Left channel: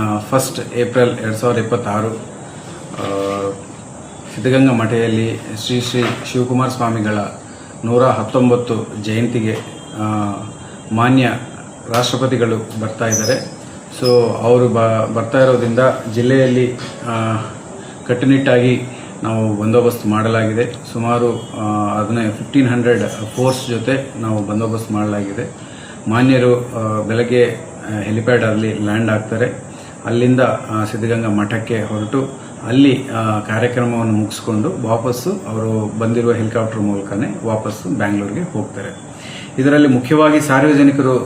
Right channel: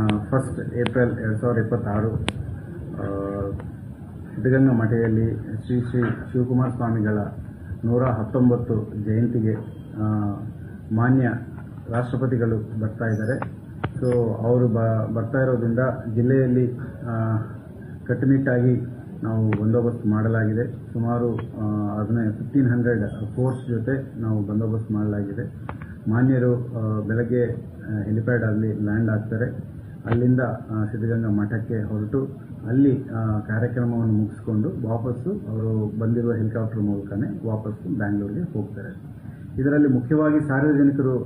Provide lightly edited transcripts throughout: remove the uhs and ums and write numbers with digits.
1 April 2026 Siddaganga ಮಠದಲ್ಲಿ ಶ್ರೀ ಶ್ರೀ ಶಿವಕುಮಾರ ಸ್ವಾಮಿಗಳ 119 ಜಯಂತಿಗೆ ಮಾನ್ಯ ರಾಷ್ಟ್ರಪತಿಗಳು ಬರ್ತಾ ಇದ್ದಾರೆ. ಸೊ ಅವರು ಬರ್ತಾ ಇರೋದ್ರಿಂದ ಜಿಲ್ಲೆಯಲ್ಲಿ ಕಟ್ಟುನಿಟ್ಟಾಗಿ ನಾವು ಬಂದೋಬಸ್ತ್ ಮಾಡಲಾಗಿದೆ. ಸುಮಾರು 1500 ಫೋರ್ಸ್ ಜೊತೆ ನಾವು ಬಂದೋಬಸ್ತ್ ಮಾಡಲಾಗಿದೆ. ಮಾನ್ಯರು ಬೆಳಗ್ಗೆ ಹೆಲಿಪ್ಯಾಡಲ್ಲಿ ಲ್ಯಾಂಡ್ ಆಗ್ತಾರೆ. ಅಲ್ಲಿಂದ ಸಿದ್ಧಗಂಗಾ ಮಠಕ್ಕೆ ಹೊರಟು ಅಲ್ಲಿ ಕಾರ್ಯಕ್ರಮವನ್ನು ಮುಗಿಸ್ಕೊಂಡು ವಾಪಸ್ಸು ಅವರು ಬಂದಿರುವ ಹೆಲಿಕಾಪ್ಟರ್ ಮೂಲಕನೇ ವಾಪಸ್ಸು ಬ್ಯಾಂಗ್ಳೂರಿಗೆ ಹೋಗ್ತಾರೆ. ಇದರಲ್ಲಿ ಮುಖ್ಯವಾಗಿ ಸಾರ್ವಜನಿಕರು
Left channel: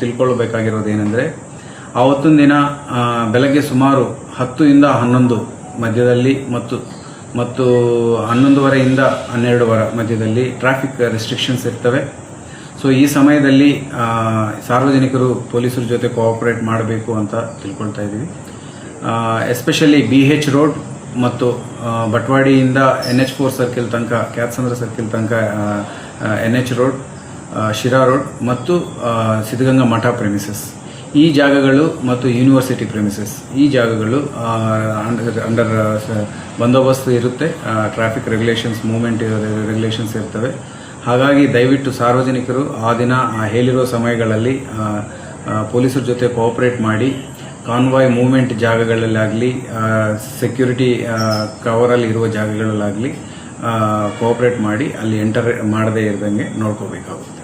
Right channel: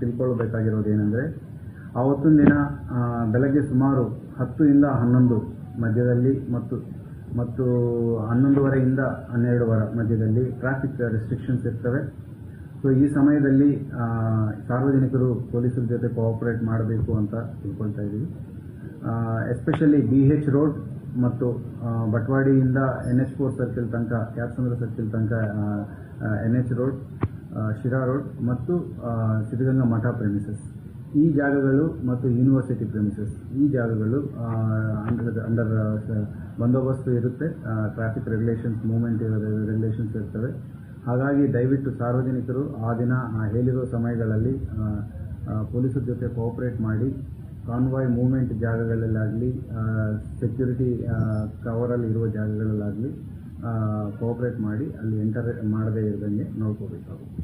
ತಿಳ್ಕೊಳ್ಬೇಕಾಗಿರೋದು ಏನಂದರೆ, ಆವತ್ತಿನ ದಿನ ಬೆಳಗ್ಗೆ ಸುಮಾರು 10 ರಿಂದ 11 ಮಧ್ಯದಲ್ಲಿ ಮತ್ತು 11:30 ರಿಂದ 12 ಮಧ್ಯದಲ್ಲಿ ಟ್ರಾಫಿಕ್ ರೆಸ್ಟ್ರಿಕ್ಷನ್ಸ್ ಇರ್ತವೆ. ಸೊ ಈ ಸಮಯದಲ್ಲಿ ಸಾರ್ವಜನಿಕರು ಪೊಲೀಸರ ಜೊತೆ ಕೋಆಪರೇಟ್ ಮಾಡಬೇಕು ಅಂತ ತಿಳ್ಕೊಳ್ತಾ ಇದ್ದೀವಿ. ಎಸ್ಪೆಷಲಿ BH ರೋಡ್ ಮತ್ತು ಬಟ್ವಾಡಿಯಿಂದ NH4 ಸರ್ಕಿಲ್ ತನಕ, ಕ್ಯಾತ್ಸಂದ್ರ ಸರ್ಕಿಲ್ ತನಕ NH ರೋಡ್, ಶಿರಾ ರೋಡ್ ಮತ್ತು ಸಿದ್ಧಗಂಗಾ ಮಠ ಪ್ರೆಮಿಸಸ್, ಈ ಜಾಗಗಳು ಮತ್ತು ಯೂನಿವರ್ಸಿಟಿ ಪ್ರೆಮಿಸಸ್, ಈ ಜಾಗಗಳು ಅಂಡರ್ ಬಂದೋಬಸ್ತ್ ಇರುತ್ತೆ. ಟ್ರಾಫಿಕ್ ರೆಗ್ಯುಲೇಷನ್ಸ್, ಮೂವ್ಮೆಂಟ್ ರೆಗ್ಯುಲೇಷನ್ಸ್ ಇರ್ತವೆ. ಹಾಗಾಗಿ ದಯವಿಟ್ಟು ಸಾರ್ವಜನಿಕರು ಆ ದಿನ ಹೇಳಿರೋ ಸಮಯಗಳಲ್ಲಿ ಪೊಲೀಸರ ಜೊತೆ ಕೋಆಪರೇಟ್ ಮಾಡಿ ಕಾನ್ವಾಯ್ ಮೂವ್ಮೆಂಟ್ ಜಾಗಗಳಲ್ಲಾಗಲಿ, ಸೆಕ್ಯೂರಿಟಿ ಕವರಲ್ಲಿ ಇರುವ ಜಾಗಗಳಲ್ಲಾಗಲಿ ಕೋಆಪರೇಟ್ ಮಾಡಿ ಅಲ್ಲಿ ಎಂಟರ್ ಮಾಡದೇ ಇರದಂಗೆ ನೋಡ್ಕೋಬೇಕಾಗುತ್ತೆ.